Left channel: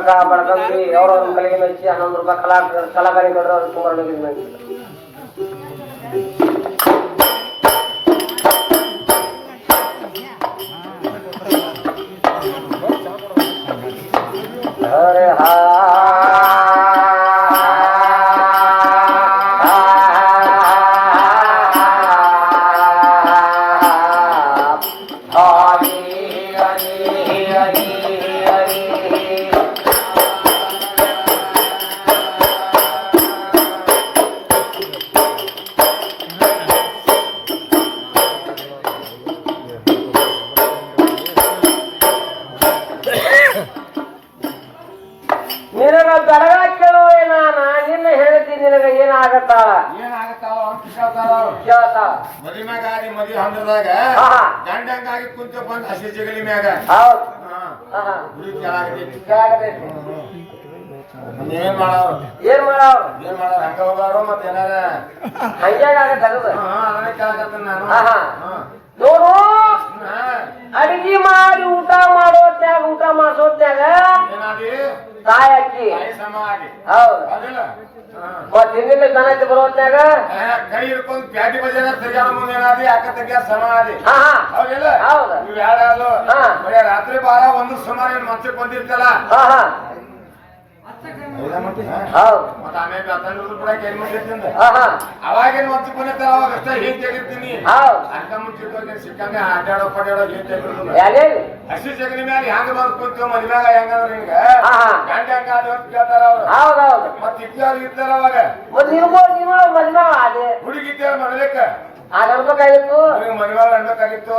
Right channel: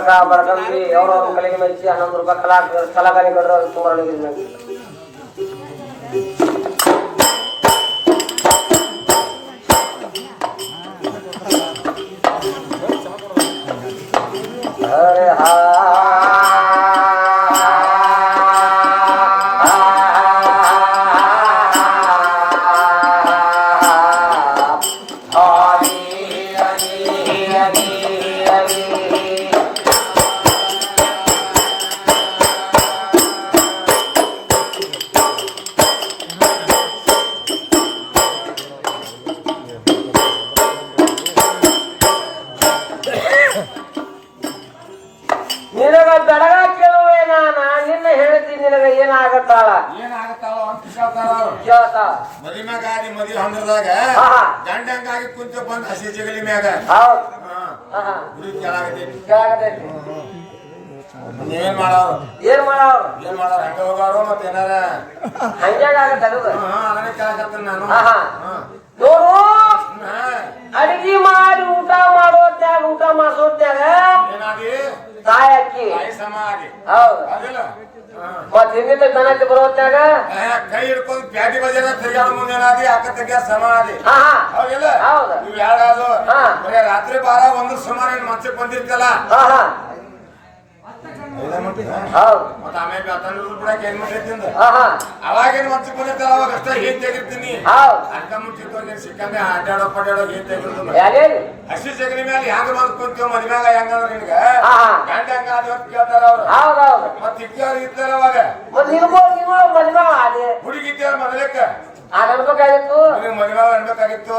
का बरकत भी और उनके लिए मैं अच्छी आनंद का कला कलाकारी कर तुम्हारे ಹಸಿ ಜಗಲಿ ಮ್ಯಾಗ. ಗುಡಿ. ಏನ್ ಮಾಡವ್ರು? ಏನ್ ಮಾಡವ್ರ? ಏನ್ ಮಾಡವ್ರ? ಹಂಗ ಹೋದವ್ರು ಮತ್ತ ಏನಾರ? ಅದನ್ನೇ ಕೇಳಕತ್ತೀನಿ ನಾನು. ನೋಡು. ಅಡಿಗೆ ಮಾಡಿ ಊಟ ಮಾಡೋ ತ್ಯಾಗ ಊಟ ಮಾಡ್ಸೋತ್ಯಾಗ ಏನಾದಿ ತಾಯಿ ಅಕ್ಕಿ. ಮತ್ ಹಿಂದಿನ ದನಕ್ಕೆ ಬರೋತ್ಯಾಗ ಕೈ ಹಿಡ್ಕೊಂಡು ಪ್ಯಾಟಿ ಬಜಾರ ತಿರ್ಗಾಡ ಮುಂದೆ ಏನಾದಿ ಅಕ್ಕ ತಂಗಿಯ ಸಮಾಧಿ. ಹೌದಿಲ್ಲ ಹೌದು. ಇವ್ ಹಾ. ಬರೀ ರಾತ್ರಿ ಬಾರ ಒಂದ್ರ ಸುಮಾರು ಏನ್ ಮಂಚಕ್ ಬಂದಿರ್ತಲ್ಲ ಮತ್ತ ಆಮೇಲೆ ಬಿಡಕ್ಕೆ ಏನ್ ಅವಾಗೇನ್ ಅವಾಗ ಅಷ್ಟೇ ಏನ್ ತೆಗಿರ್ತೀನಿ. ಅರ್ಧ ಮುಂಚಿತವಾಗಿ ಸಿಕ್ಕಂಗೆ ಆಟಾಡೋ ಪಡ್ಯಾಡೋ ಏನ್ ಹಸಿ ಸಗಣಿ ಮೇಲೆ ಹೆಂಗ ಬಂದ್ ಕುಂತೀವಿ ಮದ್ಮ್ಯಾಗ ಹೆಂಗಂದ್ರ ನಿನ್ಗ? ಹಾ ಹಾ. ಗಂಡ ಹೆಂಗ ಅದ ಕೇಳ್ತಾರ ಅವ್ರು. ಮತ್ ಇಕ್ಕವ್ರು ಇರ್ತಾರ ಅವಾಗ. ಮತ್ ನಿಮ್ಗೋಡ್ ನಿಮ್ಗಳ ಮದ್ವೆ ಅದೇ ಹುಡುಗಿದ್ದ ಮೊದಲೇಕ ಮದುವೆ ಅನ್ಬೇಕಾಗಿತ್ತು.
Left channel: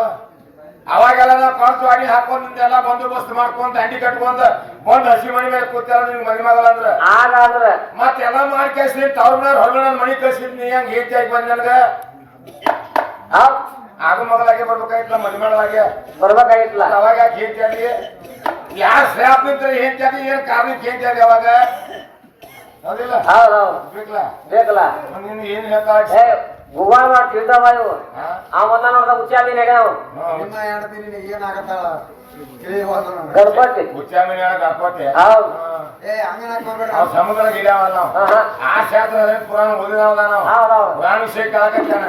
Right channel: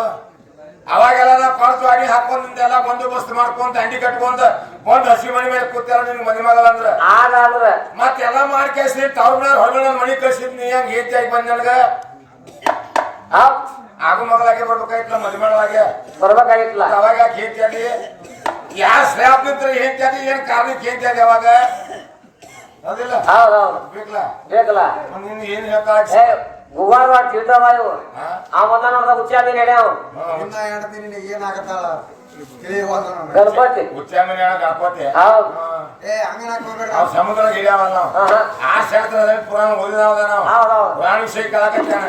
ಅವಾಗೆಲ್ಲ ನಾವು ಕಳ್ಸು ಅಡಿ ಹಾಕೊಂಡ್ ಎಲ್ಲ ಬಂದೋಬಸ್ತ್ ಮಾಡ್ಕೊಂತ ಅಂಡಿ ಕಟ್ಕೊಂಡ್ ಬಂದ್ ಹಸಿ ಮನಿ ಮೇಲೆ ಕೂತಾರ ನಿನ್ ಮನಿ ಮಗಳ ಅಂದ್ರ. ಆಗ ಅಂದ್ರ ಮತ್ತೆಲ್ಲ ಮಾಡಿ ಕಳ್ಸಿ ತವ್ರ ಮೇಲೆ ಹೊರಗಡೆ ನನ್ ಮನಿ ಕಳ್ಸಿದ್ ನೀ ಹೆಂಗ್ ಹೇತಿ ಆಗಿ ಬಂದ್ ನನಗ. ಹೌದ್. ಆಗು ಮಗಳಾಗೆ ಬರ್ಬೇಕಾಯ್ತಲ್ಲ ಮನಿ ಮಗಳಾಗೆ. ಬರ್ಬೇಕಾಗಿತ್ತಲ್ಲ ಮತ್ತ್ ಅವಾಗ ಯಾಕೆ ಹೇತಿ ಆದಿ ಯಾರ ಸ್ಲ್ಯಾಬ್ ನಿಂತ್ರ ಹೇತಿ ಆದಿ ಏನ್ ಕಾರಣಕ್ಕೆ ಹೇತಿ ಆದಿ ಅವಾಗ? ಅದಿಲ್ಲ ಹೌದ್ ಹೌದು. ಬೇಕಲ್ಲ? ಬೇಕಲ್ಲ. ಮತ್ತ್ ನೀನ್ ಏನ್ ಹೇಳ್ತಾ ಮಾಡಿ ತಿಳ್ತಾವ ಇವು? ಅವನ್ನ ನೋಡ್ದ ಹುಚ್ಚಾದಿ ಹೇಳ್ಯಾವ. ಇನ್ನ ಹೇಳ್ತೀನಿ ನಿನಗೆ ಏನಾಗತ್ತಾಳ? ತಿಳಿಯುವಾಗ. ಗಣಪತಿ. ಹುಚ್ಚಾಮಿನಿ ಹೇಳ ಗಣಪತಿ. ಹೌದು. ಏ ಹಂಗನಕ್ ಹೋಗ್ಬೇಡ ನಾವು. ಸಮುದ್ರ ಹಾ. ಆ ಶಾಸ್ತ್ರ ಪುರಾಣ ಓದಿದವದ ನಾವು. ಪುರಾಣ ವಿಷಯ ಕೇಳಕತ್ತಾನ.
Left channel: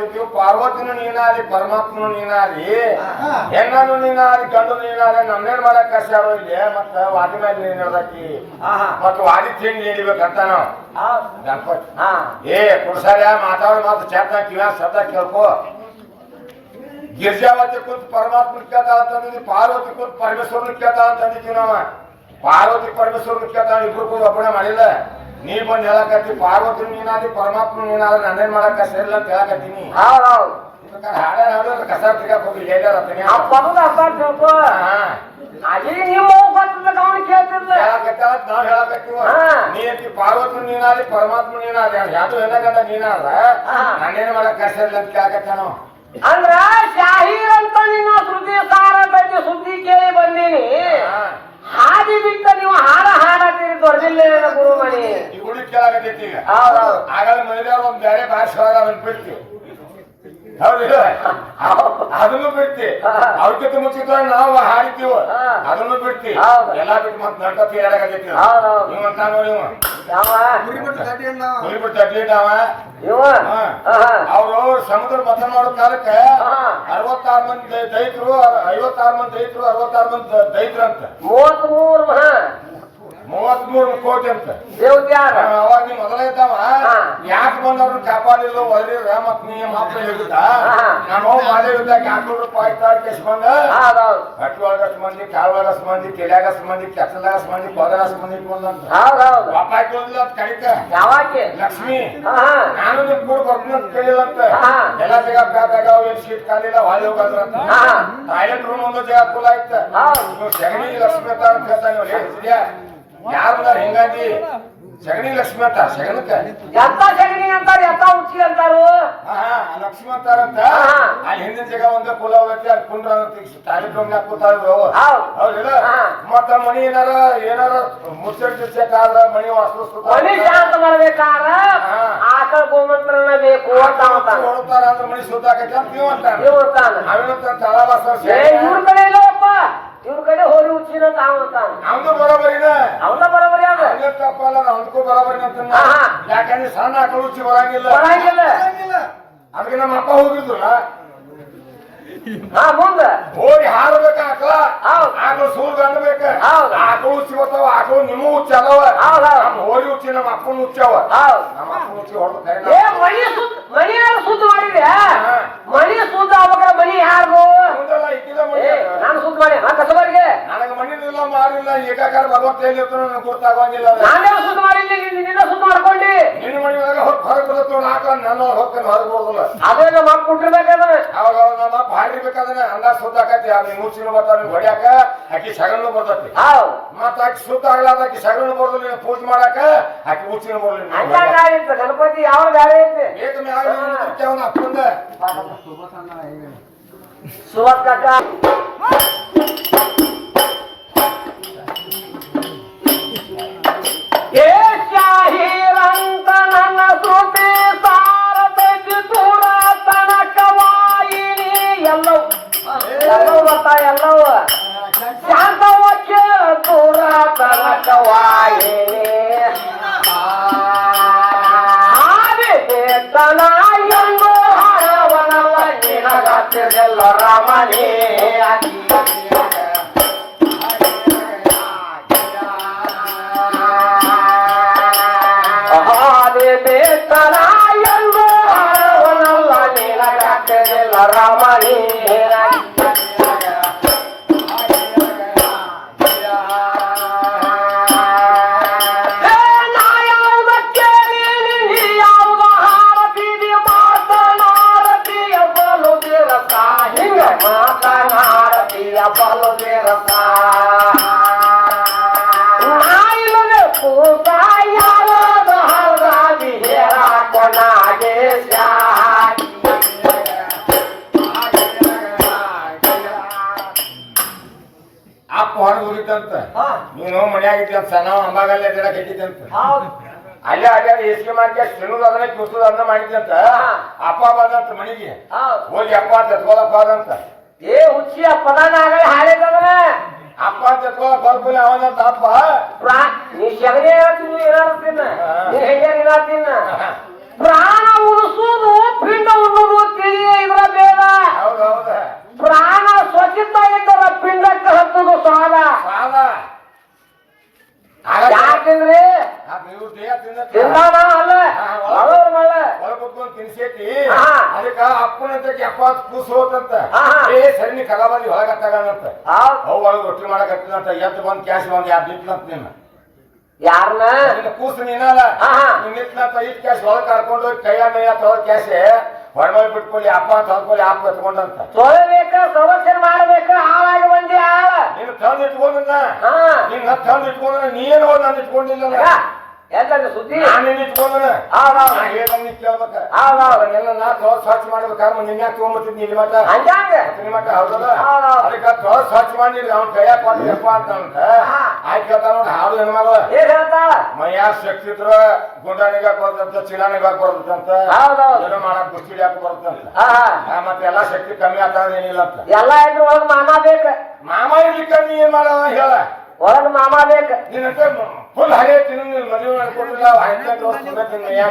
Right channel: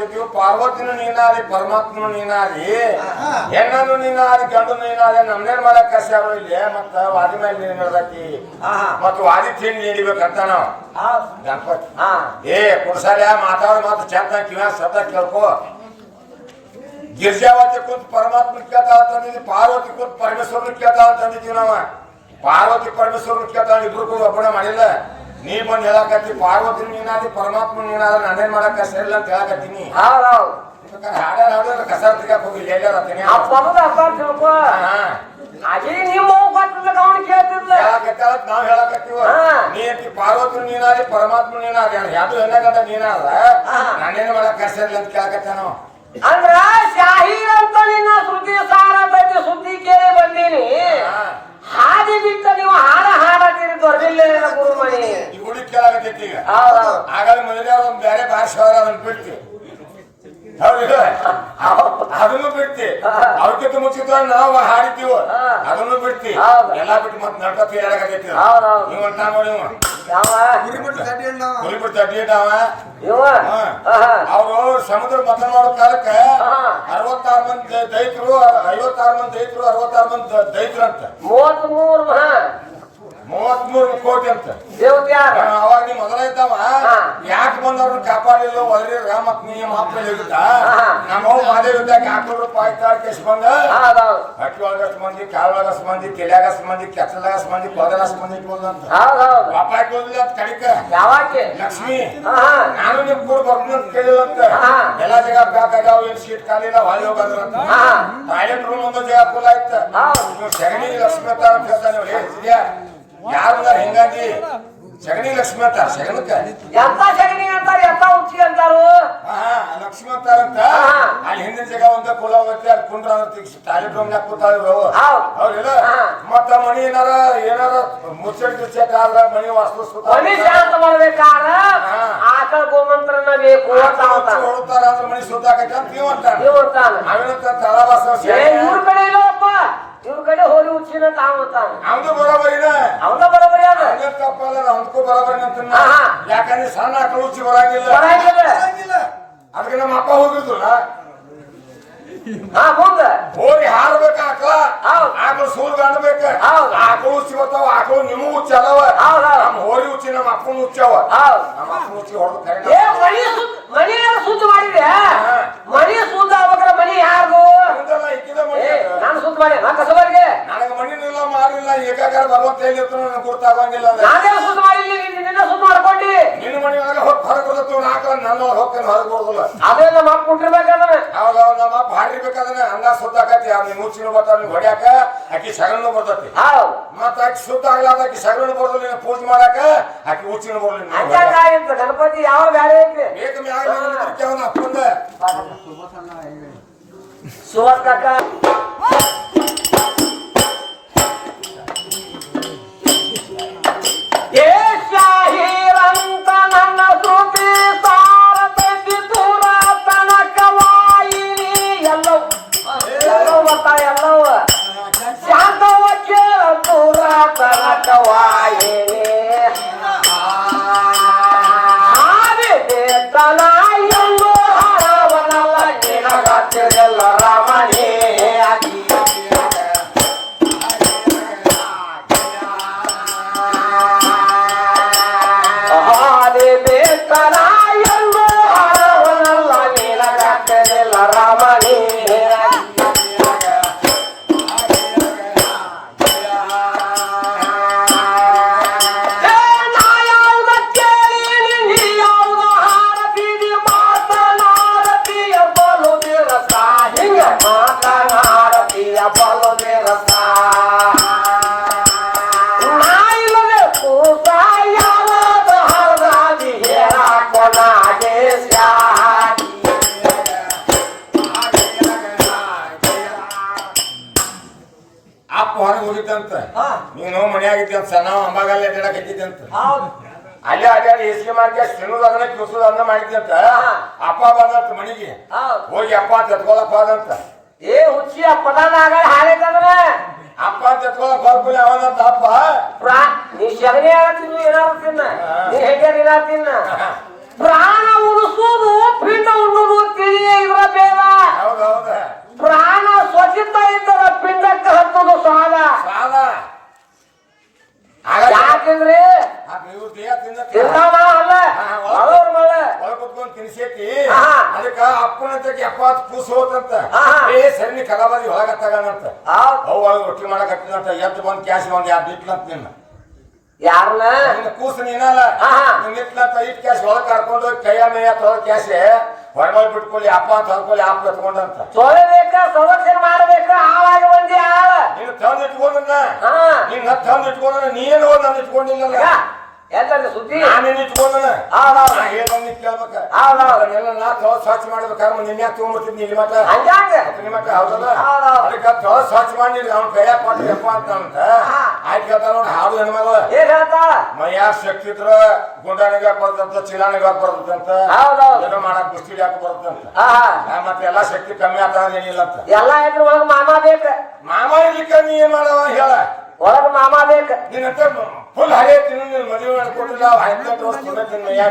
ಅಂದಿದ್ದೀವಿ ಪಾರ್ವತಿನೂ ನೀನಾರಿ ಪರಮಾತ್ಮನು ನೀನಾರಿ ಹೆಣ್ಣನು ನೀನಾದಿ ಗಂಡು ನೀನಾರಿ ನಮ್ನೇನ್ ಮಾಡಕ್ ಕಷ್ಟ ಇಲ್ಲಿ ಮತ್ತ ವಾದಿ ಮೇಲೆ ನೀನ್ ಹೇಳ್ದಕ್ಕಿ ಮತ್ತ ವಾದಿ ತಿಂಡಿ ನೀಡಿಬೇಕಂತ ನಾವು. ಗಣಪತಿ. ಏ ಕುಡ್ಸಾರ ಮಾತಾಡೋ ಮಾತು ಚಂದ ಕಿವ್ಯಾ ಶಬ್ದ ಕೇಳ್ಕೋ. ಗಿರ್ಜಾವತಿ ಕೂತ್ ಪರಮಾತ್ಮ ಕೇಳ್ತಾ ಅಂತಂದಿದ್ವಿ ಪಾರ್ವತಿ ಕೂತ್ ಪರಮೇಶ್ವರನ ಕೇಳ್ತಾ ಅಂತಂದಿದ್ವಿ ನಾವ. ಪಾರ್ವತಿ ಪರಮೇಶ್ವರನ ಕೇಳ್ತಾ ಇಬ್ರು ಕೂಡ ಒಬ್ಬನೇ ಮಾಡಿಲ್ಲ. ನೀ ಬಂದ್ ಹೇಳಕತ್ತಿ ಪಾರ್ವತಿ ನೀನಾದಿ ಪರಮಾತ್ಮ ನೀನಾದ ನಾನೇನ್ ಮಾಡಕ್ ಸೇರಿಲ್ಲ ಅಂತ ಹೇಳಕತ್ತೀನಿ. ಹಾಡ ಹಾಡೋದ್ರ ಕಸ ತೆಗಿಯಕ್ ಹೋಗಿ ಲೇಡರ್ ಹತ್ತೀನಿ? ಆ ಪದದ ಅರ್ಥ ತಿಳ್ಕೊ ಅದೇ ನಿಮ್ಮ ನಾವ್ ಹೇಳಕತ್ತೀವ. ನೀ ಅಂತಿ ಪಾರ್ವತಿ ನೀನಾದಿ ಪರಮಾತ್ಮ ನೀನಾದಿ ಯಾವ್ದು ಹೆಣ್ಣಗಂಡ ನೀನಾದ. ನಾನೇನ್ ಮಾಡಕ್ ಸರಿಲ್ಲ ಅಂತ ಕೇಳಕತ್ತ ನಾವು ಅಂದ್ರ ಶಾಹೀರ್ ಅಂತ ನಿನ್ನ ಸುದ್ದಿ ಸಾರ ಬಗ್ಗೆ ಸುದ್ದಿ ಕೇಳಿ ಬಂದೀನಿ. ಹಾದಿ ಬಿಟ್ಟ ನೀವು ಹಾಡ ಹಾಡತ್ತೀರಿ ದೊಡ್ಡಿಲ್ಲ ಗುರುಮಣಿ ಈಗ. ಆಗಲ್ಲ ಮದುವೆಯವ್ರು ಒಂದ್ ಬೇರೆ ಭಾಷೆ ಅದನ್ನ ಬಿಡ್ತಿ ಹೌದಿಲ್ಲ ಅದನ್ನು ಬಿಡ್ತಿ. ಅವಕ್ಕಿಂತ ಮುಚ್ಚಿದ ನಾವು ಹಾಡಿದ್ದೀವ. ಅದನ್ನು ಬಿಡ್ತಿ. ಹೌದು. ಎಲ್ಲಾ ಬಿಟ್ಟು ಮತ್ತೆ ನಡ್ಕತ್ತಿ ಏರಾಗತ್ತೈತಿ ನೀವು ಅಂತ ನೋಡಿ ಇವ ಯಾವ ಗುರಿ ಬಿಟ್ಟು ಗಡ್ಡಿ ಅಣ್ಣ ಕುರಿ ಬಿಟ್ಟು ಅಡ್ಡಿದ್ದಾವ ಇವ ಆಹಾ. ಅವರು ಸಮುದ್ರ ಮತ ಮಾಡೋ ಕಾಲಕ್ಕೆ. ಅರವತ್ತಾರು ಮಂದಿ ದೈತರು ಐವತ್ತಾರು ಮಂದಿ ದೈತರು ಅರವತ್ತಾರು ಮಂದಿ ದೈತರು ಅಂತ ಮೂವತ್ತ್ ಮೂರು ಹಾ ಮೂವತ್ಮೂರು ಕೋಟಿ ಅಂತ. ದೇವತ್ಯಾರ ಆ, ಅವಾಗ ನೀ ಮೊದಲ ಇದ್ದಾವ. ಹಾ. ಯಾಕೆ ಬಂದವ್ರನ್ನ ಕಾಪಾಡಿಲ್ಲ? ಒದರಿರ ಮತ್ ನೀ ಮಾತ್ರ ಹೇಳಿದ್ದ ಹಾ. ನಮ್ಮ ಮಾದೇವ್ ಇದ್ದಾಗ ಹಾಕೊಂಡು ರೂಪಾಯಿ ಕೇಸ್ ಬಂದ? ಹೌದೌದು ಹಟ್ಟಿ ಒಳಗಷ್ಟು ಮಂದಿ ಕಾಲ್ ಒಳಗಷ್ಟು ಮಂದಿ ತೆಲ್ಯಾಗಷ್ಟು ಮಂದಿ ಕೆತ್ತಲಾಗಷ್ಟು ಮಂದಿ ಕೊದರಷ್ಟು ಮಂದಿ ಇಟ್ಕೊಂಡಂತ ಹೌದೌದು ವಾಪಾಯಿ ಕೇಳಿಲ್ಲ ಅಂತ ಕಡಿಕ ಯಾವಾಕೆ? ಲಕ್ಷ್ಮಿ ಆಹಾ. ನಾನು ನಿಮ್ ಕೂಡ ಬರ್ತೀನಿ ಅಂತ ಕೇಳಿಲ್ಲ ಅಂತ. ಹಾ. ಎಲ್ಲಾ ಜಾಗ ಬ್ಯಾಗ್ ಆಗ್ಯಾವ ಏನ್ ಸೀಟ್ ಖಾಲಿಲ್ಲ ಹೊಳಿ ಹೋಗಂದ್ರ ಹಾ. ಟಾಯ್ಲೆಟ್ ರೂಮ್ ಒಂದು ಜಾಗ ಕುಲ ಇತ್ತ ಹೌದು. ನೀವು ಸಗಣಿ ಲಕ್ಷ್ಮಿ ಅಂತ ಅಂತ ಹೇಳ್ತಾನೆ ಹೆಂಗಾಗಿ ಹೆಂಗಂದಿ ಸಗಣಿ ಲಕ್ಷ್ಮಿ ಅಂತಾರ ಸಗಣಕ್ಕ? ಎಂತ ಸಗಣಿ ಅಂತಾರ ಎಂತ ಉಚ್ಚಿ ಅಂತಾರು? ಲಕ್ಷ್ಮೀ ಅಂತಾರಂತ. ಅಲ್ಲಿ ಹಿಂದಿನ ಜಾಗ ಒಂದ ಕುಲ ಹೋಗತ್ತೆ ಅಲ್ಲಿ ಕುಂಡ್ರ ಟಾಯ್ಲೆಟ್ ರೂಮ್ ನಾಗ ಕೂತಾದ್ರು ಹಾ. ಮತ್ತ ಮನಿ ಏನಾರ ಏನಾರ ಮುಚ್ಚಟ್ ಗಿಚ್ಚಟ್ ಆದ್ರ ಮನಿ ವಾಸ್ತು ಮನಿ ಶಾಂತ ಮಾಡ್ಬೇಕಾರ. ಆಕಳ ಗೋಮಂತ್ರನ ಬೇಕು ಹೊಡ್ತಾರ ಅಂದ್ರ ಮನಿ ಸುತ್ತಾಕೈತೆ ಅಂತ ನೀವು ಅಂತಾರ. ಅವೇನಂತ ತಳವಾಸ ಇವ್ರ ಕಡೆ ಇವ್ರ ಕಡೆ ಹೋರಿ ಉಚ್ಚಿನ ತಾವು ಅವನು ಬರೋಬರಿನ ಅವನ ಬರೋಬರಿ ಅದ. ಹಂಗ ತಪ್ಪಲ್ಲ ಅವನಕ್ಕೂ ಬರೋಬರಿನ ಅಂತ. ಯಾಕಂದ್ರೆ ಸಣ್ಣ ಆಕಳು ಉಚ್ಚಿ ಬರಂಗಿಲ್ಲ. ಬರಂಗಿಲ್ಲ. ಅದಕ್ಕೆ ನಮ್ಮ ಅಪ್ಪ ಹೋಗಿದ್ರಲ್ಲ ಹಾ ಮುಂದ. ಹೋಗಿ ಹಾರಬೇಕ ಆಕಳ. ಆಕಳು ಸೂರ್ ಹೌದ್. ಆಕಳು ಉಚ್ಚಿ ಬರ್ತಾವ ಆಕಳು ನಿಮ್ಮ ಉಚ್ಚಿ ಅದಾವ. ನಮ್ಮ ಹೋರಿ ಉಚ್ಚಿ ನಮ್ಮ ಅಪ್ಪನ ಉಚ್ಚಾವ ನಮ್ಮ ಅಪ್ಪನ ಉಚ್ಚಿ ಹೊಡೆದು ಏ ಮನಿ ಸುದ್ದ ಯಾರು ಮಾಡಿದೆ ಮನಿ ಸುದ್ದ ಆಗ್ಬೇಕಾರ ಮನಿ ಯಾರ್ದು ಮುಂದೆಲ್ಲ ಇಕ್ಕಿದ ಮನಿ ನಾನು ಸುದ್ದ ಮಾಡಿ ನಾ ಕಸಬರಿಗೆ? ನನಗೆ ಮಣ್ಣಿನಿಲ್ಲ ಮಾರಿಲ್ಲ ಏಕಾಕಾರ ಭಗವಂತ ಎಲ್ಲಿರ್ತಾನೋ ನನಗೆ ಗುರ್ತಾಗಂಗಿಲ್ಲ ಅದು. ನಾನೇ ಸುದ್ದ ಮಾಡಿಲ್ಲ ನೀನ್ ನಿನ್ನ ಸುದ್ದ ಮಾಡ್ಕೊಂಡಿ. ನಿನ್ನ ಮಣಿ ಒಳಗೆ ಹೊರಗೆ ಬರುತ್ತೆ ನಾಕ ನನ್ನ ಹೊರಗೆ ಬರೋದಿಲ್ಲ ಅದೇ ನಮ್ಮ ಅಪ್ಪ ಕುಂಟಿರ್ಬೇಕಾದ್ರೆ ಅವಾಗ ಅವಾಗ ನಮ್ಮ ಅಪ್ಪ ಹಾಡಿರ್ಬೇಕಾದ್ರೆ ಅಂದ ಸುದ್ದಾಕತಿ ಅವ್ನ ಮೂಚಿನ ಬರ್ತಾವ ಹೊಡ್ಯಾಕ ಆಕಿ ಸಗಣನು ಬರ್ತತಿ. ಹೌದು. ಮತ್ತ ಆಕಿ ಸುತ್ತ ಆಗ್ಲಾರ್ದ ಆಕಿ ಸಗಣನು ಬರೋದಿಲ್ಲ ನೀನು ಪೂಜೆ ಮಾಡಾಕ ಆಕಿ ಉಚ್ಚಿನ ಬರೋದಿಲ್ಲ ಹಂಗಾಗಿ ಆಗಿತ್ತು ಗಣಪತಿ ಯಾವ ಗಾಳಿ ಐತಿ? ಬೇಕ ಮ್ಯಾಗ ಅವನ ಅಪ್ಪಂದ. ಸುವತ್ ಕಾಕ ತನಕವಾಯಿನಿ ಆದಿ ತನ ಅದನ್ನ ಮಾಡಿದ್ದಂತ ಅಪ್ಪ ಬಂದಂತ ಮನಿಗೆ? ಹೋಗಿ ಅಪ್ಪ ಅಂತ ಎತ್ಕೊಳಕ್ ಹೋದಂತ ಏ ಹುಚ್ಚಿ ಅಪ್ಪನ ಪದನಾಗ ಹಾಡಿದಂದ್ರೆ ಅಪ್ಪ ಅಂತ ಎತ್ಕೊಳಕ್ ಹೋಗ್ಬಿಲ್ಲ ಅವನಂತ ಅಪ್ಪ? ನೀ ಶಗಣಿ ಹೇಳ್ತೀನಿ ಏನಾರು ತಿನ್ನ. ನೀ ಹೆಂಗೆ ಇಲ್ಲ ತಿನ್ನ ಹಾಗಾದ್ರೆ- ಯಾಕಿಂದ್ರಿ ಆ ಇವ್ರ ದೇಹ ತಿಂದ ತಿಂದಾನ ಅಲ್ಲ ಹಾ, ಅವ್ರ ಮಳ್ಳ ಒಳಗ್ ಕುತ್ಕೊಂಡ್ ತಿನ್ಸೈತಿ ಹಾ. ಅದಕ್ಕ ಅಪ್ಪನಂತಕ್ಕೆ ಎಪ್ಪತ್ತು ಕೂಸು ಹೋತಂತ. ಏ ಸಣ್ಣ ಕಲಾಬಾರಿ ಒಳಗ ತಗಣಂತ ಆ. ಅವ್ ಒಳಗ ರೊಟ್ಟಿ ಮಾಡಕತ್ತಿದಂತ ಎದ್ದು ಬಂದ್ ಕ್ಯಾಶ್ ಬಂದ್ ಯಾರು ಬಿಟ್ಲಂತ ನಿನ್ನ. ಯಾರನ್ನ ನಿನ್ನ ಕೂಸು ನೀನಲ್ಲ. ಹಾ, ಹಾ. ನೀನ್ ನಿಂತ್ಲಂತ ಇಟ್ ಕ್ಯಾಶ್ ಒಳಗ್ ಕರ್ಕೊಂಡು ಕೈಯ ಮೈಯ ತೊಳ ಕ್ಯಾಶೆ ಹೊರಮಲ್ ಬಿಟ್ಕೊಳ್ಳಿ ಅಪ್ಪ ಅಂತ ಹೊರ್ಕೊಳ್ಳಿ ಅಪ್ಪ ಎತ್ಕೊಂಡಂತ ತೊಳಿಬೇಕ ಸಂರಕ್ಷಣೆ ಮಾಡ್ಬೇಕ ಹಾಳಾಗಿ ಬಂದಿ ಹಾಳ ನೀನು ತಂದು ಇಟ್ಕೊಂಡ ನೀನ್ ತಂದು ಇಟ್ಕೊಂಡ ನೀನು ನಾನು ಇಟ್ಕೊಂಡಿಲ್ಲಲ್ಲ ಯಾಕಂದ್ರೆ ಸುದ್ದಿ? ನಾನೇನ್ ಇಟ್ಕೊಂಡನ ಹೌದೌದು ನಾ ಹೇಳ್ದಂಗ್ ನೀ ಕೇಳ್ಬೇಕ ಅದನ್ನೆಲ್ಲ ನಾ ತೊಳೆದ್ ಸ್ವಚ್ಛ ಮಾಡ್ಬೇಕಾದ್ರೆ ನಿನ್ನೆ ತೊಗೊಂಡ್ಬಿಡ್ತಿದ್ನಿ ಇಲ್ಲಿ ಮಟ್ಟ ಹಂಗಾಗ? ಅದ್ರ ಮಟ್ಟ ಹೌದಲ್ಲ. ಅದಕ್ಕೆ ಸ್ವಚ್ಛ ಮಾಡಿ ಅವ್ನ ಕೈಯಾಗ ಕೊಟ್ಟಿಯಪ್ಪ ಅಂತ ಅಂತ. ಆಯ್ತು ಕೇಳ್ತಾನ ನೋಡಿ ಹಾಡು ಹೆಣ್ಮಗ ಏನ್ ಹೇಳ್ತಾಳ ಮೈಯಾಗ ಶಕ್ತಿ ಇದ್ರ ಗುಂಡಾಣಿಗೆ ಹಾಕ್ ಬರ್ತಂತ ಚಿಲಾಣಿಗೆ ಏನೋ ಮಾಡಕ್ ಬುಷ್ಟಿಡಿ ಹಾಕ್ ಬರ್ತಂತ ಹಾ ಮತ್ತೆ ಎಲ್ಲಾ ಶಕ್ತಿ ಕಮ್ಮಿ ಆಗ್ತದ ಏನಿಲ್ಲ ಅಂತ. ಎಲ್ಲ ಇದ್ರ ಒಳಗ್ ಮಾಮ ಬೇಕ ಮಾಮ ಇರ್ಲಿಕ್ಕ ನೀ ಏನ್ ಮಾಡವ ಹೇಳ. ಒಳಗ್ ಮಾಮ ಬೇಕ. ನೀನಂತ ಫುಲ್ ಹರೇ ತಿನ್ನು ನೀನ್ ಮದುವೆ ಮಾಡ್ಕೊಟ್ಟಿಲ್ಲ ಹದಿನೆಂಟು ವರ್ಷ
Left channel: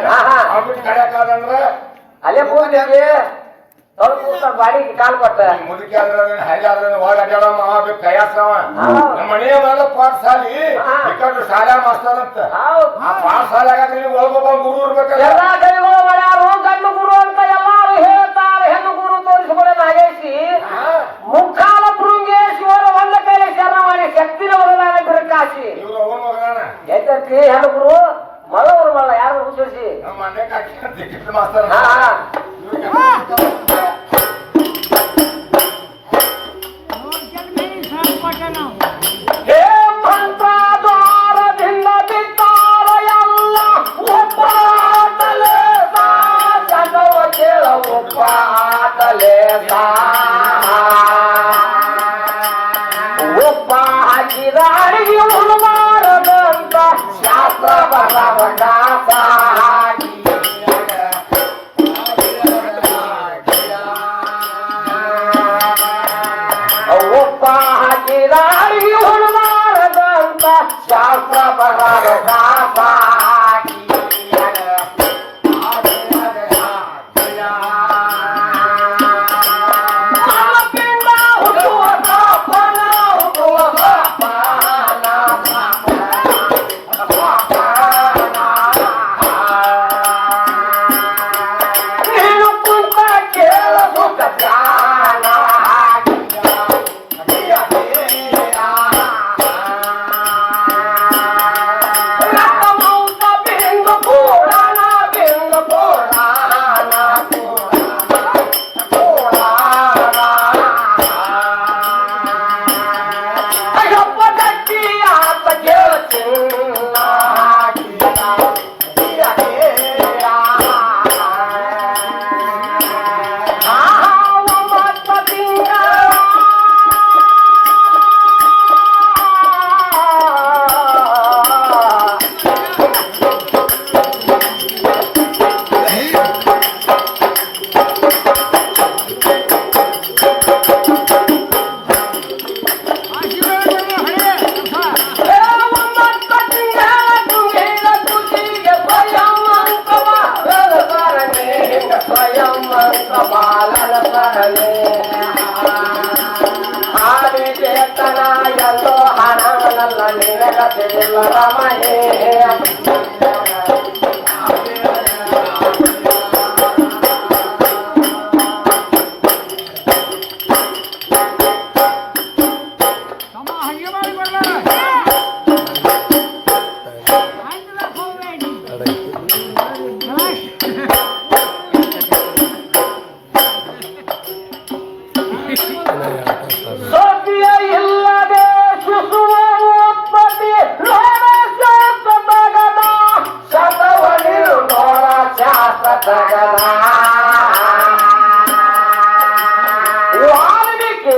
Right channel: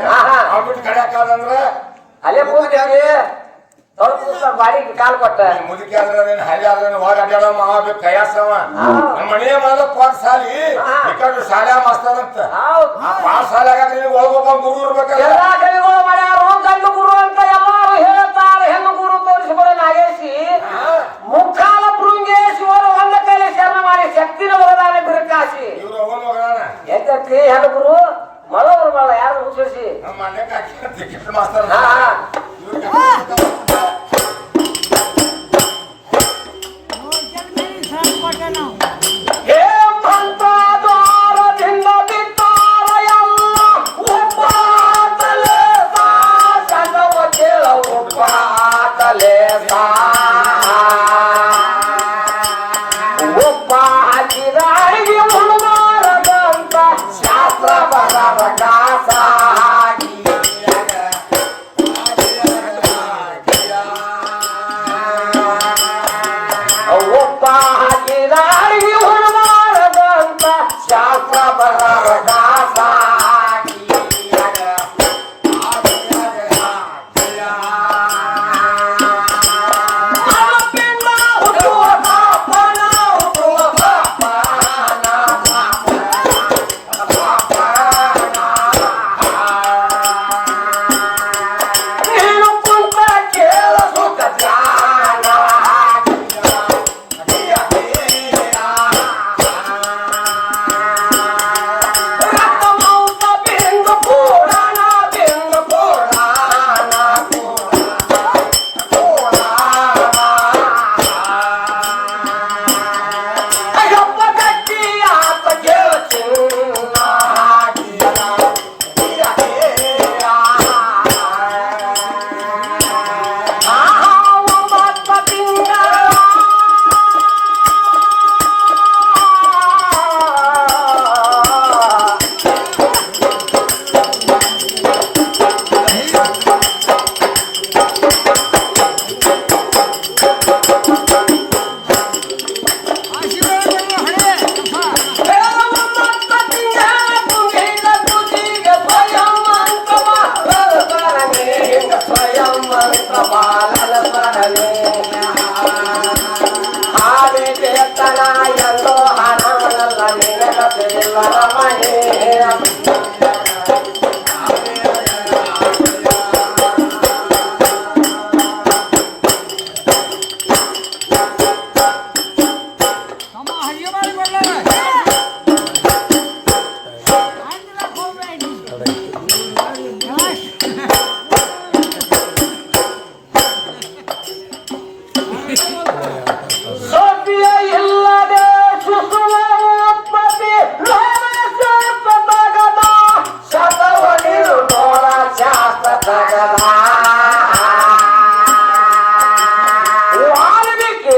ಹಾ, ಹಾ. ಅವ್ಬಿಟ್ಟು ಕಡಿಯಾಕಾದಂದ್ರ ಅಲ್ಲೇ ಕೂತಿದ್ದಿ ಕೂತ ಬಾಡಿಗೆ ಕಾಲ್ ಕೊಟ್ಟ ಮುದುಕಿ ಆದ್ರೆ ಏನ್ ಹರಿ ಆದ್ರೆ ಒಳಗ ಅಡ್ಯಾಡ ಮಾವ ಬೇಕು ಕೈಯಾಸವ. ನಮ್ಮ ಮನೆಯ ಮೇಲೆ ಪಾಠಶಾಲಿ ಹಾ. ಈ ಕಡೆ ಶಾಲೆ ಮಾಸ್ತರಂತ ಹೌದ್. ಆ ಪಾಠಶಾಲೆಗ ಒಳಗೊಬ್ಬ ಗುರು ಇರ್ಬೇಕಲ್ಲ. ಗಂಡು ಗುರು ಅಂತ ಎಲ್ಲಾರು ಹೇಳ್ತಾರೆ. ಹೆಣ್ಣು ಗುರು ತೋರಿಸಿಕೊಡ ನಾಗೇಶಿ. ಮುಖಾಲ ಭೃಂಗೇಶ್ವರ ಒಂದ ಕೈಲಿ ಶರಣ ಮಾಡಿ ಶಕ್ತಿನ ವರದಾನ ಬಿರುಕಾಸಿ ಇವ್ರ ಅವನ್ ಮಗನ ಎದ್ದತ್ತಿ ಹೆಣ್ಣು ಗುರು ಮಳವರು ಮಳ ಯಾರು ಹುಟ್ಟಿಸಿ ನಮ್ಮ ಮನೆಗೆ ಹಾಕಿ ಟಿಕೆಟ್ ಮಾಸ್ತರ್ ಹಾ,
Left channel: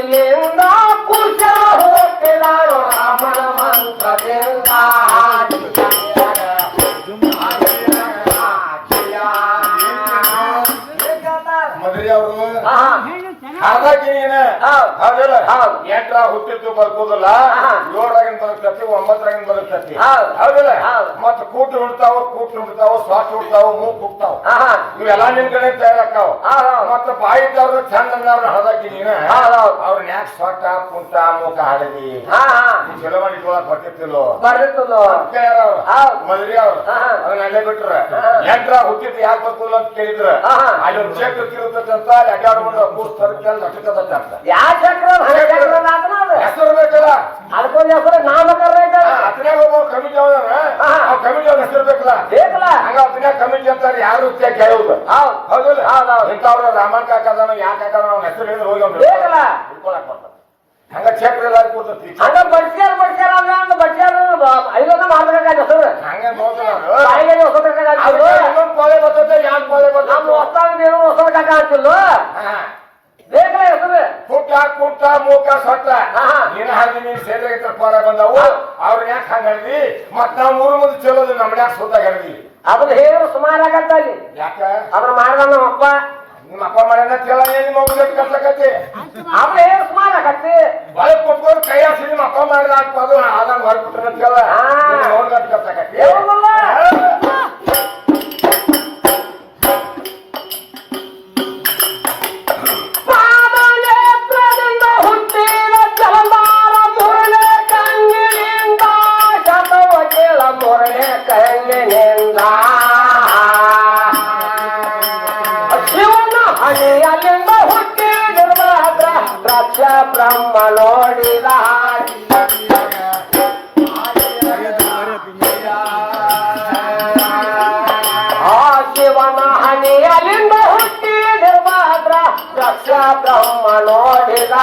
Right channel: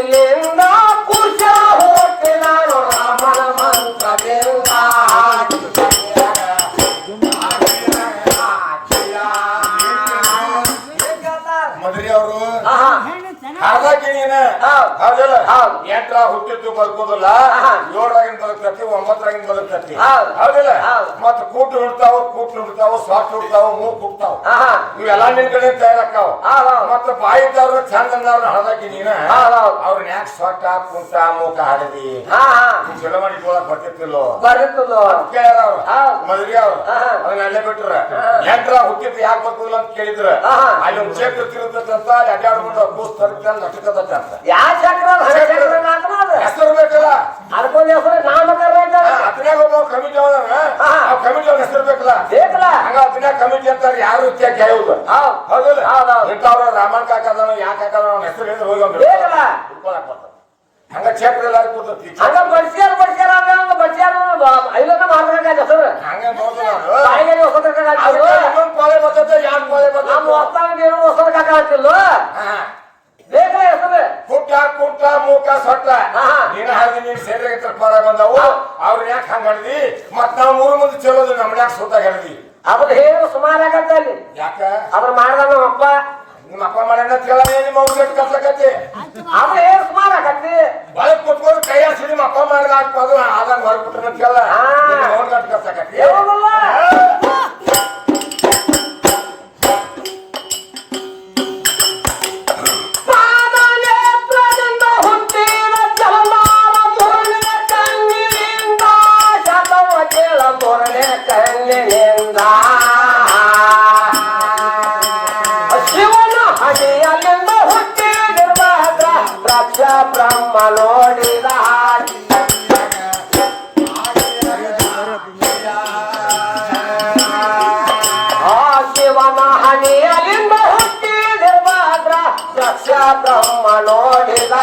no, no. ನೀನ ಹೌದಲ್ಲ ಹೌದಿಲ್ಲ? ಹೌದ್. ಎಂಟ್ರ ಹುಟ್ಟಿದ್ದು ಬರ್ಬೋದಲ್ಲ ಏಳಾಗಿನ ಏಳರಾಗಿನ ಬದುಕ್ತತಿ ಒಂಬತ್ತರಾಗಿನ ಬದುಕ್ತತಿ ಹೌದಲ್ಲ ಹೌದಿಲ್ಲ? ಹೌದ್. ಮತ್ತ ಕೂಟ್ ಹುಡ್ತಾವ ಕೂಟ್ ಹುಡ್ತಾವ ಸ್ವಾಟ್ ಹುಡ್ತಾವ ಮೂಗ್ ಹುಡ್ತಾವ. ಇವೆಲ್ಲ ನಿನ್ ಕಡೆ ಹೌದ್. ಮತ್ತ ಬಾಯಿ ಇದ್ದವ್ರ ಚಂದ ಅಂದವ್ರು ಹಳದಾಕಿ ನೀನ? ಅವ್ರ ನ್ಯಾಕ್ ಅವ್ರನ್ನ ಯಾಕೆ ಸೊಟ್ಟ ಕುಂತ ಮೂಕ ಹಾಡದಿ ಬರ್ತಿತ್ತಿಲ್ಲ ಚಲೋ ಮಾಡಿ ಬರ್ತಿತ್ತಿಲ್ಲೋ? ಬರ್ತಿತ್ತು ಕೇಳ್ಯಾರ ಅವ್ರು. ಮದ್ರಿ ಅವ್ರು. ಅದನ್ನ ಅಲ್ಲೇ ಬಿಟ್ರ. ಎಂಟ್ರ ಹುಟ್ಟಿದ್ ಯಾಕೆ ಬರ್ತಿಲ್ಲ ಅಂತ ಕೇಳಿದ್ರ. ಅಲ್ಲಿ ಒಂದು ಚೇಕ್ ತಿರುತ್ತಂತ ಅಲ್ಲಿ ಅಡ್ಡಾಡ್ಬಿಟ್ಟು ಕೂಸ್ ತರ್ಕಂತ ನಟಕತ್ತ ಅಂತ ಯಾ ಚಕ್ರ ಚಕ್ರ ಹೆಸರು ಬೇಕಲ್ಲ? ಅದಕ್ಕೊಂದು ಹೆಸರು ನಾಮಕರಣ ಅತನ್ಯಾಗ ಒಬ್ಬ ಕಮಿಟಿ ಅವನ ಆ ಕಮಿಟಿ ಅವ್ನ ಹೆಸರು ಬೇಕಲ್ಲ? ಬೇಕಲ್ಲ. ಹಂಗ ಅತನ್ಯಾಗ ಕಮಿಟಿ ಅಂತ ಯಾರು ಇತ್ಯಾಗ ಕೇಳುದು ಹೌದ್. ಹೌದಿಲ್ಲ? ಹೌದ್ ಹೌದ್. ಇಂಥವ್ರು ರಾಮನ್ ಕಾಕದವ ಯಾ ಕಾಕದವ ಅವ್ನ ಹೆಸರು ಹೇಳಿದ್ರೆ ಹೋಗಿ ಅವ್ನು ಬೇಕಲ್ಲ. ಹಿಡ್ಕೊಳಕ್ ಬರ್ತಾನೆ. ಹಂಗ ಚಕ್ರ ಎಲ್ಲಾರು ಕೂತೈತಿ ಹಂಗ ಬಡ್ಸ್ಯಾರ ಬಡ್ಸ್ಯಾರ ಹಂಗ ಬಡ್ಸ್ಯಾರ ಐದನ್ನ ಮಾಡ್ಬೇಕಾದ ಹೆಸರು. ಹಂಗ. ಬಾಯಿಗೆ ಪಾಳೆ ಬರ್ತೈತೆ ಯಾಕೆ ಪಾಳೆ ಬರ್ತೈತೆ. ಪುಟ್ಟ ಕುಟ್ಟ ಮೂಕ ಸೊಟ್ಟ. ನೀನ ಹಾಗೆ ನೀನ್ ಸೇರಿದ ಪರ ಬಂದವು. ಅವ್ರ ಯಾಕೆ ಹಂಗ ಹೇಳಿದಿ ಮತ್ ನಾವ್ ಮೂರು ಮಂದಿ ಚಲೋದು ನಮ್ನ ಯಾಕೆ ಸುತ್ತ ಹೇಳಿದಿ ಅದನ್ನ ಹೇಳಿ ಸುಮಾರು ಆಗತ್ತ ಅಲ್ಲಿ. ಯಾಕ? ಅದನ್ನ ಮಾಡ್ದ ನಮ್ಮ ಅಪ್ಪ. ನಿಮ್ಮ ಅಪ್ಪ ಮಾಡ್ಯಾನ ಕೇಳ ನಿಮ್ಮ ಅವ್ನ ಕರ್ಸಕತ್ತಿ ಅದನ್ನ ಹೇಳಿ ಸುಮಾರು ಆಗತ್ತಿ. ಬಾಳೆ ಕುತ್ಕೊಂಡು ಕೈ ಹಸಿ ನಿಮ್ಮ ಅಪ್ಪ ಮಾಡಿದ ಹಾಕ್ಬೋದು ಆದಂಗ ಹೊರಬಿಟ್ರೆ ಅಂತ ಕೇಳ ಹಾ. ನೋಡ್ಗಂತ ಕಣ್ಣಿನಿಂದ ಶಿವನ ಹಣೆಯಲ್ಲಿಂದ ಹುಟ್ಟಿದಿರುವಾಗ ಪ್ರತ್ಯ ಬ್ರಹ್ಮ ನೋಡಿದ ಶಿವನ ಹಣೆಯಲ್ಲಿಂದ ಹುಟ್ಟಿದಿರುವಾಗ ಪ್ರತ್ಯ ಬ್ರಹ್ಮ ನೋಡಿದ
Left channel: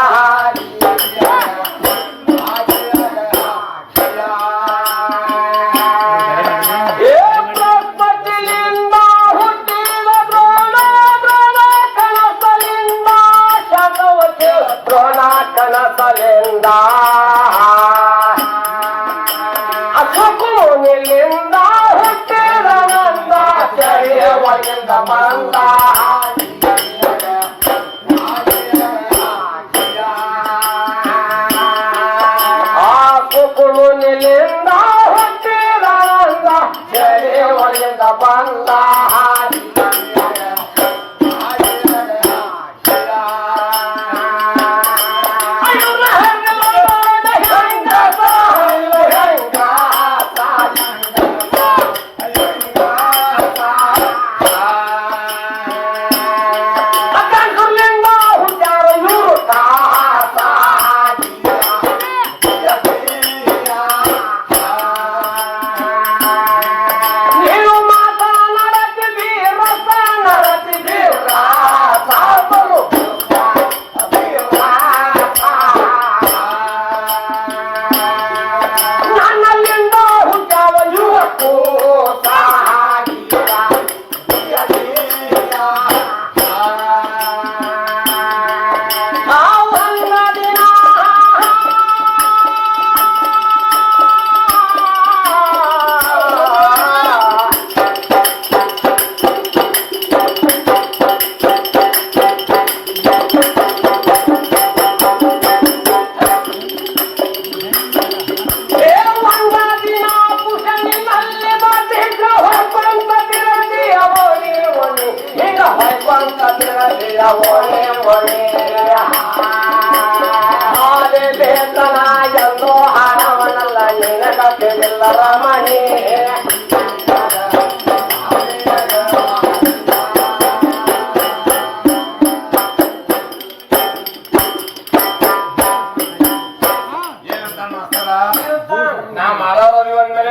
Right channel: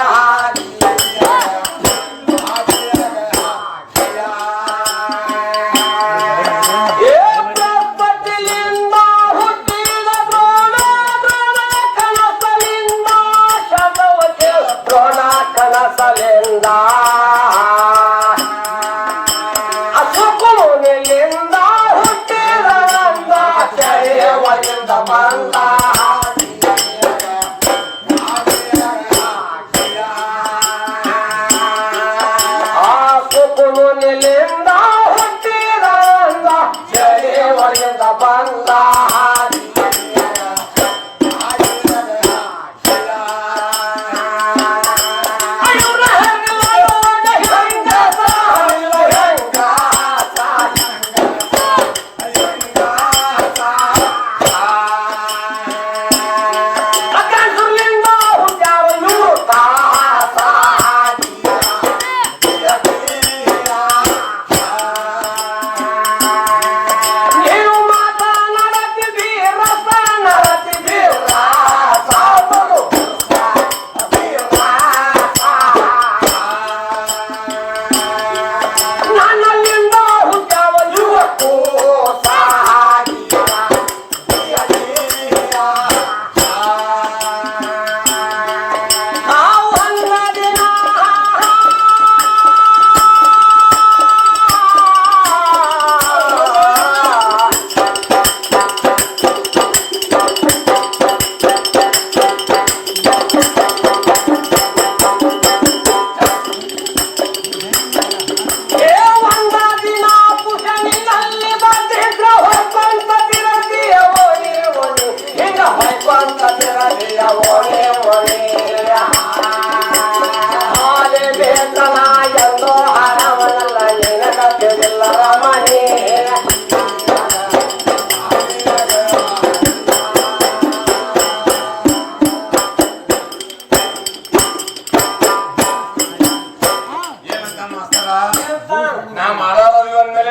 মেলে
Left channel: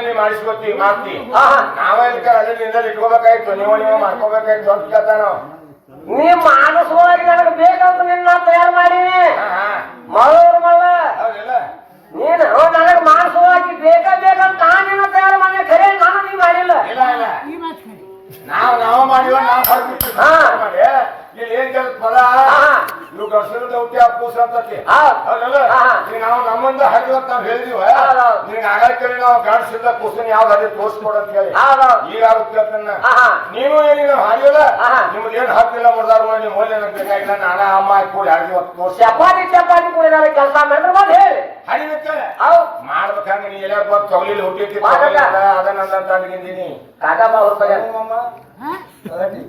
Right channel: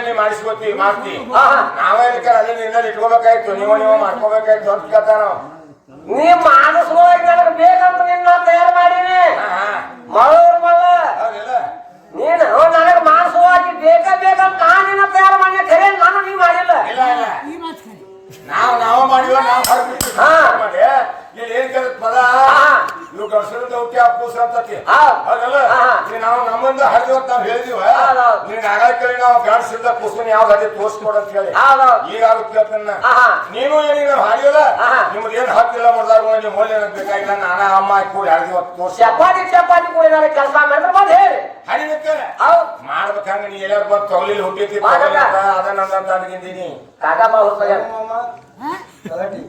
ನೀ ಮಾಡಿಸ್ಕೊತೀವಿ ಮಾಡ್ತೀವಿ ಆಹಾ. ನಾವೇ ಅಲ್ಲೇ ನಿಂದಲ್ಲಿ ಇಟ್ಕೋಬೇಕಾಯ್ತು ನೀವು ನೀವು ಮಾಡ್ಕೋಬೇಕಾಯ್ತು ಅಂತ ಕೇಳ್ತಾನ ನೀ ಮಾಡಿಸ್ಕೊಳ್ಳೋಕೆ ನನಗೆ ಬೇಕಂತ ನಿನ್ನ ತಯಾರು ಮಾಡೀನಿ. ಮಳ್ಳ ಹೌದಿಲ್ಲ. ನೀನು ನನಗೆ ಮಾಡಿಸುವಾಗಿ ಬೇಕ ಬೇಕಂತ ನಾನು ನಿನ್ನ ತಯಾರು ಮಾಡಿ ಖರೆ ನಾನು ನೀ ಮಾಡಿಲ್ಲ. ಇಲ್ಲ ಇಲ್ಲ. ನಾವು ನಾವು ಮಾಡಿವ ನಾವು. ಮಾಡಿ ಇಲ್ಲಿ ಏನ್ ಕೇಳತ್ ಪದ? ನೀವು ಹುಟ್ಟಿ ಅಪ್ಪೂಸ ಅಂತತಿ ನೀ ಹೌದಲ್ಲ. ಈಗ ನಾವು ನಮ್ಮಂದ ಹರಿವತ್ ನಾವ್ ಹೇಳಿದೀವ? ನೀನ್ ಹೌದ್. ನಿನ್ಗೆ ಆಗಾಗ ಕೇಳಿ ನಾವು ಗಡ್ಸಿಂದ ಕೂಸನ್ ಯಾವ್ದು ಹರಿ ತೋರಿಸ್ಕೊಡ ಅಂತ ಹೇಳಿ. ಈಗ ಆಗುತ್ತೆ ಹಾ. ನೀನು ಏನಿನ ಹಾಡಿಯಲ್ಲ? ಹಾ. ನಿಮ್ದು ಏನ್ ಹಾಕಿಲ್ಲ ಮುಡ್ದಾಗ ನೀವು ಮೊದಲೇ ಬೇಕಾಗಿಲ್ಲ ನಾನ ಅಮ್ಮ ಆಯ್ತು ಕೂಡಿ ಹರಿದಿ ಹೊತ್ತು ತೋರ್ಸಿ ಚಪಾತಿ ಚಪಾತಿ ಕುಡಿದಾರೆ ಕೆಲಸ ಮಾಡಿದ್ರೆ ಮತ್ತೆ ಹೇಳಿ. ಹರಿಬೇಕ ಮಾಡ್ಬೇಕಂದ್ರೆ ನೀ ಎಲ್ಲಾರು ಬಂದು ತೊಗಲಿಲ್ ಹುಟ್ಟಿತಿ ಮಾಡಲ್ಲ. ಅದನ್ನ ತಂದ್ಕೊಂಡಿದ್ದೀನಿ ಬಾ ಹುಡ್ತಾಗ ಗಲಾಟೆ.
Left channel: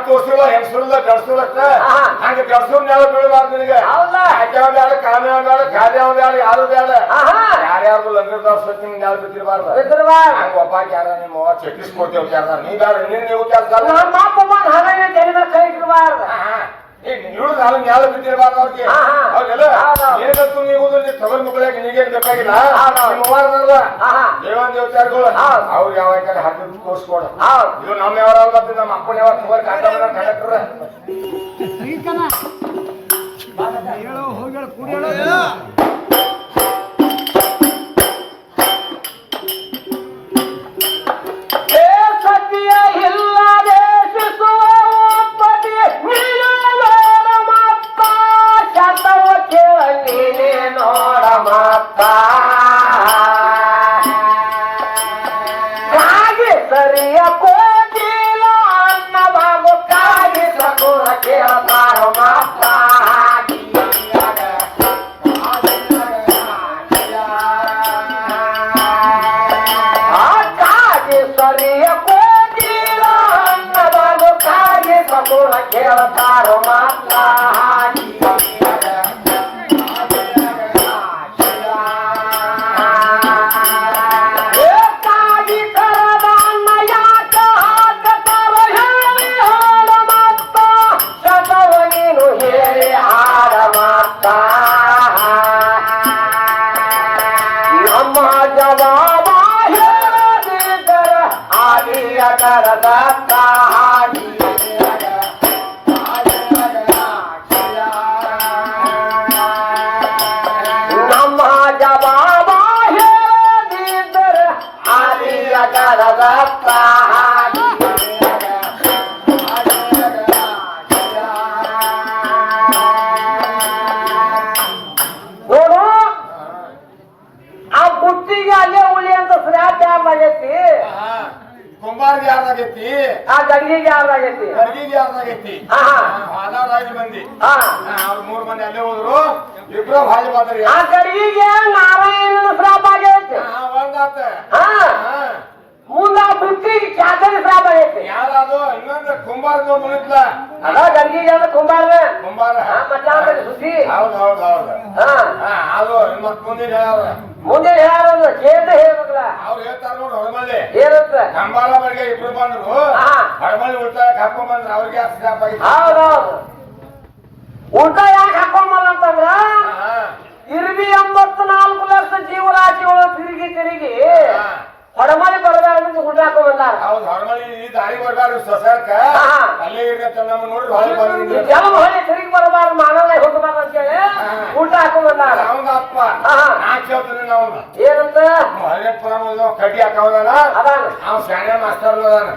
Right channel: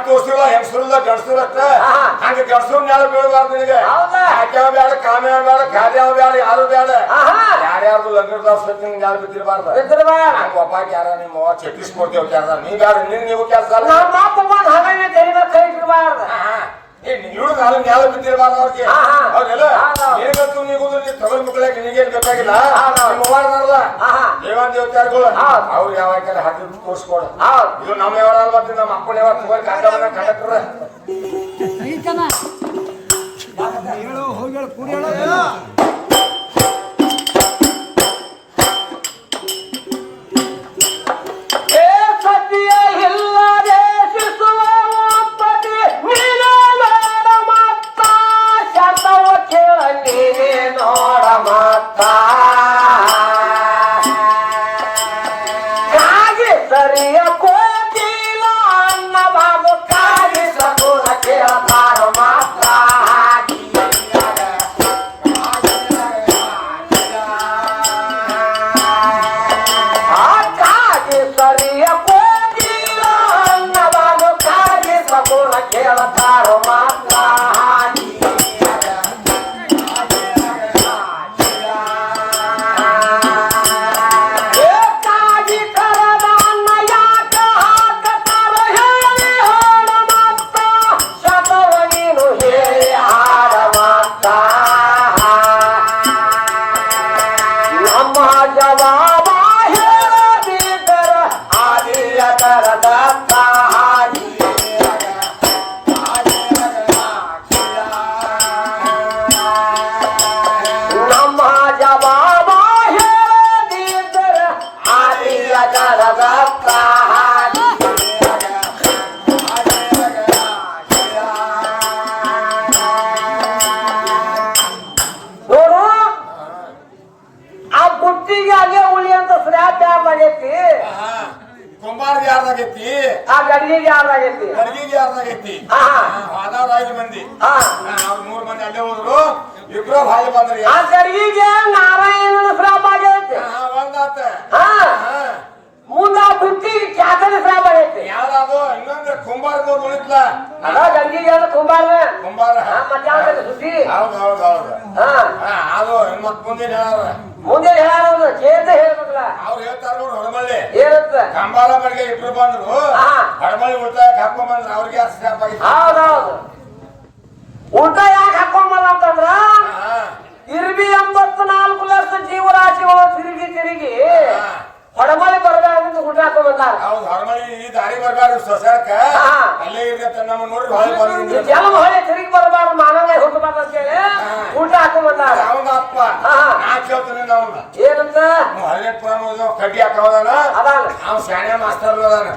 ತೋರ್ಸಿಲ್ಲ ಹೆಂಗಸರುಲ್ಲ ಗಂಡಸರು ಅಷ್ಟ ಹಾ. ಹಂಗ ಗಂಡಸರು ನ್ಯಾಳ ಬೀಳಬಾರ್ದು ನಿನಗೆ ಹೌದಾ? ಆಕ್ಯಾವ ಬ್ಯಾಡ ಕಾಮ್ಯಾವ ಬ್ಯಾಡ ಖಾದ್ಯಾವ ಬ್ಯಾಡ ಯಾರು ಬ್ಯಾಡ. ಯಾರ್ಯಾರ್ದು ಲಂಗರ್ದಾವ್ ಸತ್ತಿ ಯಾರು ಬಿದ್ದಿರಬಾರ್ದು. ಹಂಗ ಒಬ್ಬ ಯಾರ ನಿಮ್ಮ ಅವ್ವ ಚಟ್ಟಿಸ್ಕೊಡ್ತೇವ್ ಕ್ಯಾರ ನೀ ಬ್ಯಾಡ ನಿನ್ ನೀವು ಕೆಲಸ ಅಲ್ಲ ನಮ್ಮ ಅಪ್ಪ ಬಂದು ಹಾಗೆ ತೆಲಿನ ಕೈ ಇಟ್ಬಾರ್ದು ಇವ್ರು ನಾನು ನ್ಯಾಳ ಬಿದ್ದಿರಬಾರ್ದು ಅವ್ರಿಗೆ. ಹೌದು. ಏನಾಯ್ತು ನೀವು? ತಗೊಂಡ್ ಮಕ್ಕಳಿಗೆ ನಿನಗೇನ್ ಬೇಕಾಗಿಲ್ಲ? ಆಹಾ. ದೇವಾನ್ ದೇವತಾರ್ಗಳು ಹೌದು. ಅವ್ರಿಗೆ ಯಾವ ಹರಿದು ತೋರ್ಸ್ಕೊಡ. ಹೌದು ಇದು ನಮ್ಮ ಯಾವಾರ ಮತ್ತೆ ನಮ್ಮ ಅಪ್ಪನ ಯಾವಾಗ ತಗೋರ್ ಕಾಂತಾವನ ಕಂಡಕ್ಟರ್ ಏ ಆದಿಯ ಕರದತ್ತ ನೋಡು. ಆ ಬುಟ್ಟಿಗೆ ಅದೇ ಉಳಿ ಅಂತ ಸ್ಲ್ಯಾಪ್ ಯಾರ್ದಾಗೈತಿ ಕುಂಬಾರ ಯಾರ್ದಾಗೈತಿ? ಆ ಗಡಿಗೆಗೆ ಯಾರ್ದಾಗೈತಿ? ಗಡಿಗೆ ಯಾರ್ದಾಗೈತಿ? ಹಾ. ಹೋದವ್ರ ಐದು ಮಂದಿ. ಹಾ ಹಾ, ಅವ್ರ ಮೂರ್ ಮಂದಿ ಅಲ್ಲೇ ಹೋದ್ರು. ಇಬ್ರು ಭಾರಿ ಬಂದ್ರಿ. ಆ ಗಡಿಗೆಗೆ ನಾರಾಯಣನ ಸ್ರಾಪ ಆಗೈತಿ ಹಾ, ಒಂದಾತ. ಹಾ ಹಾ. ಮುಂದ ಬುಟ್ಟಿಗೆ ಚಾಕರಿ ಸ್ಲ್ಯಾಪ್ ಆಗೈತಿ ಯಾವ್ದು ಇನ್ನೊಂದು ಕುಂಬಾರದ ಮುಳಿತ್ಲ ಅದ ಗಡಿಗೆಗೆ ಅಂದ್ರೆ ಕುಂಬಾರ. ಕುಂಬಾರ. ಮಧ್ಯಾಹ್ನದ ಸುದ್ದಿ? ಹೌದು ಹೌದು ಹೌದು. ಹಾ. ಅದು ಮತ್ ಮುಂದಿನ ಹೇಳಾರ. ಮುಂದೆ ಹೇಳೋದು ಚೇತ ಹೇಳ್ಬೇಕಲ್ಲ. ಅವ್ರು ಹೇಳ್ತಾರ ನೋಡಿ ಹೊರಮಳ್ಳಿ. ಏನಂತ? ಕಂಬಾರ ಮನೆಗೆ ಇಬ್ರು ಬಂದ್ರು. ಹಾ. ಹೊರಮಳ್ಳಿ ಉಳಿತಾಯ ಹಾಕೊಂಡ್ ಬಂದ್ರು ಅವ್ರಿಗೆ ಸ್ಟಾಪ್ ಆಗಿತ್ತು. ಹೌದು ಊಟ ಯಾಕೆ ಹಾಕೊಂಬಲ್ಲ ಅಂತಂದ್ರ? ಹಾ, ಇರ್ಬಿ ಎಂಬತ್ತು ನಾಲ್ಕು ಲಕ್ಷ ಜೀವರಾಶಿಗಳು ತಿರುಗಿ ತಿರುಗಿ ಹಾ. ಬರಬಾರದು ಹಾಕೊಂಡ್ ಬಂದಾರ ಹೌದು ಈ ದಾರಿ ಬರ್ಬಾರ್ದು ಸೊಸರ್ಕ. ಅಲ್ಲೇ ಇರ್ರಿ ನಮ್ಮ ನೋಡ್ರಿ ಹೊಳೆ ಬಂದಿದ್ರು ಜಲಮ ಹೊಳೆ ತಿರುಗಿ ಬರಬಾರ್ದು ಮಾನವ ಹೋಗಬಾರ್ದು ಅಂತೇಳಿ ಊಟ ಹಾಕೊಂಡ್ ಬಂದಾರ ಅವಂಗ ಅಪ್ಪ. ನಾ ಕೇಳ್ತೀನಿ ನಾವು ಏನಂತ? ಹದಿನೆಂಟು ಪ್ರಾಮ ಕಡ್ಡಿ ಅವ್ನು ಶಾಣೆ ಮಾಸ್ತರ್ ಅದಾನ.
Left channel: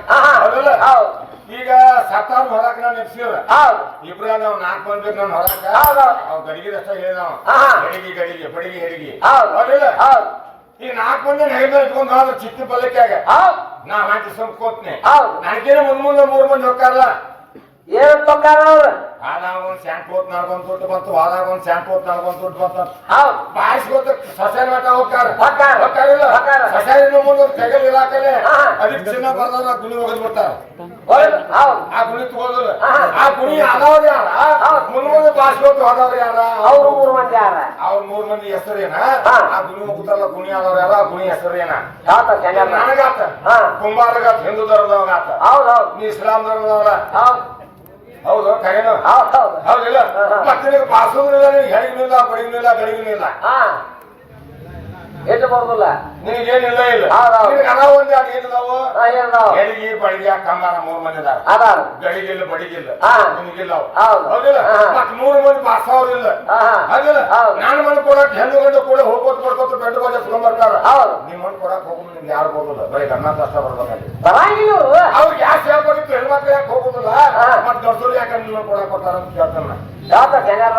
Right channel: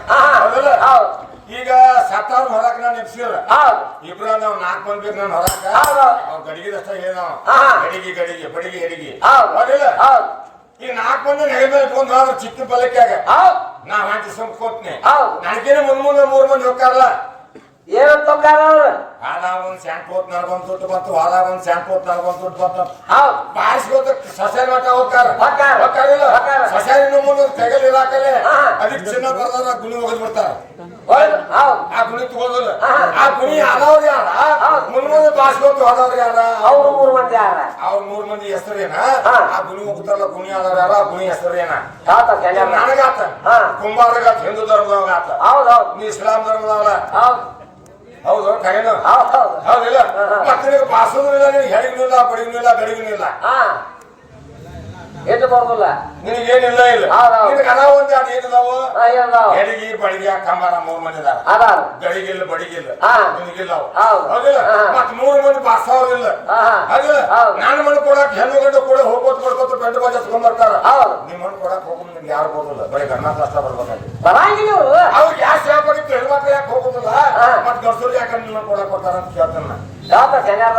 ಹೌದಲ್ಲ? ಹೌದು. ಈಗ ಸತ್ತಾವ್ರ ಹೊರಕ್ ನಾನು ನೆಪ್ಸಿರ ಹೌದು. ಇಬ್ರ ನಾವ್ ನಾಲ್ಕು ಮಂದಿ ಬೇಕು ನಾನು ಹೊರಕ. ಹೌದು. ಗಡಿಗೆ ಗಡಿಗೆದಷ್ಟ ಹೇಳಿದವ ಹಾ. ಗಡಿಗೆ ಗಡಿಗೆ ಬಡಿಗೆ ಗಡಿಗೆ ಹೌದಿಲ್ಲ? ಈಗ ನಾಲ್ಕು ಮಂದಿ ನೆಗೆ ಮೇಲೆ ಇಟ್ಕೊಂಡು ಹೋದ್ರ ಚಿಕ್ಕ ಪಲ್ಲಕ್ಕಾಗ ನಾ ಹಾಕಿ ಸಂಕೋತ್ನೆ ನನಗೇನು ಮುಂದ್ ಮುಂದೆ ಮೂರ್ ಮಂದಿ ಹೋಗ್ತಾರಲ್ಲ ಏನಂತ ತೊಕ್ಕಾರ ಅವ್ರು? ಹಾದಾಗ ಒಂದ್ ಶಾಂಟ್ ಹೋತ್ ನಡ್ಕೊಂಡ್ ತುಟ್ಟು ಬಂತು ಹಾದಾಗ ಒಂದ್ ಶಾಂಟ್ ಹೋತ್ ನಡ್ಕೊಂಡ್ ತುಟ್ಟು ಬಂತು ಹೌದು. ಬಾರಿಸ್ಕೋತ ಸಸ್ಯ ಮಠ ಹೋಗ್ತಾರ. ಹೋಗ್ತಾರ. ಹೋಗ್ತಾರಿಲ್ಲ? ಹೋಗ್ತಾರ. ಸಸ್ಯ ಇನ್ನು ಮುಂದೆ ತೆಗಲ್ ಇಲಾಖಲೆ. ಅದಕ್ಕೆ ಚಿನ್ನ ಬರ್ದಾರ ಗುಣಿ ಹೋಗದ್ ಬಿಡ್ತಾರ. ಆ ಗುಣಿ ತಗೋದಿಲ್ಲ. ಆ ಗುಣಿ ಆದವ್ರು ಯಾರ. ಮುಂದೆ ಬಾರಿಸ್ಕೋತ ಹೋದವ್ರು ಯಾರ? ಅವ್ರ ಮೂರು ಮಂದಿ ಯಾರ? ಅವ್ರ ಮೂರ್ ಮಂದಿ ಹೆಸರು ಏನ. ಆ ಗುಣಿ ಹೋಗ್ತಾರಲ್ಲ ಗುಣಿ ಆದವ್ರು ಯಾರ? ಆ ಗುಣಿ ಹೆಸರು ಏನ? ನನಗಾತ. ಕುಂಬಾರಗಾತ ಹಿಂದೂ ಹೌದು ನೀ ಇಸ್ಲಾಂ ಧರ್ಮದವಲ್ಲ ಹೌದು ಹೌದಿಲ್ಲ? ಮಕ್ಕಳಿಗೆ ಪಾಸ್ ಇಲ್ಲ ಹೆಣಗಿಲ್ಲ ಇಲ್ಲ ಗಡಿಗೂ ಎಟ್ಟು ಬರೋದಿಲ್ಲ ನಿನಗೇನಿಲ್ಲ ಇಲ್ಲ. ನಿನಗೆ ಅದಾವ ಒಂದು ಅದು ಏನಿದಾವು ಎಡಿಗಿ ಬಡಿಗಿ ಕಂಬಾರ ಮೂರು ಮಂದಿ ಅದಾರ? ಗಡಿಗಿಲ್ಲ ಬಡಿಗಿಲ್ಲ. ನಿನಗಿಲ್ಲ ಅವು. ಹೌದಿಲ್ಲ? ಮತ್ ಮೂರು ಮಂದಿ ಪಾಸ್ ಇಲ್ಲ. ಅದಿಲ್ಲ ನಾನು ಮಣ್ಣು ಕೊಡಕ್ ಹೆಣ್ಣು ಗಂಡು ಕೂಡ ಹೋಗೋದು ಕೊಡ್ಕೊತ ಬೆಂಡ್ ಬಾಜ್ ಎತ್ಕೊಂಡ್ ಬರ್ತಾರ. ನಿಮ್ಮ ಮಣ್ಣು ಕೊಡಕ್ ಹೋಗೋದು ನಿಮ್ಗೆ ಯಾರು ಬರೋದಿಲ್ಲ ಬರೀ ಗಣ್ಣ ಕಷ್ಟ ಬರ್ಬೇಕಾಗಿ ಬರಂಗಿಲ್ಲ ಅವ್ರಿಗೆ ಯಾರು ಸೇವೆ ಬರೀತು ಹೆಣ್ಣು ಮಕ್ಳು ಯಾಕೆ ಹೋಗೋದಿಲ್ಲ? ಮತ್ ದೊಡ್ಡ ಯಾಕೆ ನಿಮ್ಮ ಕೊಡಕ್ ಕೊಡ್ತಾರ ಅಂತ ಕೇಳ್ತಾನ ಯಾಕೆ ಸರಿಯಾದ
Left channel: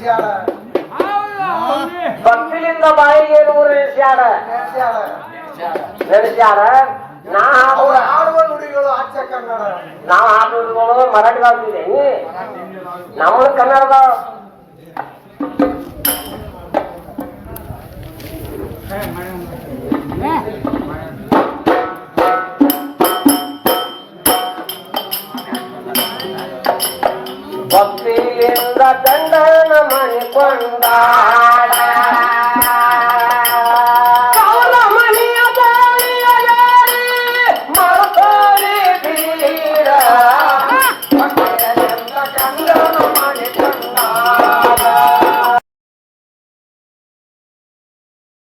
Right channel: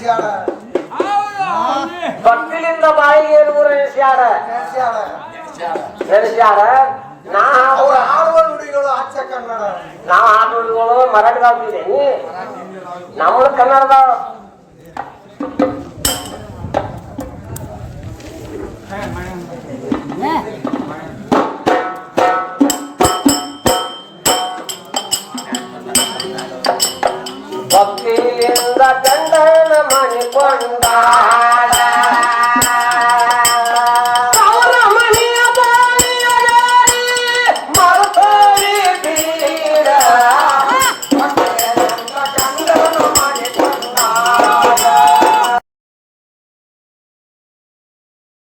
ಸಿಯಾಡ ಪಕ್ಕಿಲಿಂದ ಬಾಯಿಗೆ ಏರುವರೆ ಸಿಯಾಡ ನಡೆಸ್ಯಾಡ ನಾ ಆಡುವ ನುಡಿಗಳು ಅಚ್ಚ ಕನ್ನಡ ನಾವು ಹಾಡು ನುಡಿಗಳು ಮರಾಠಿ ಬಾಳ್ತಿದ್ದೇನೆ ನಮ್ಮ ಕನ್ನಡದ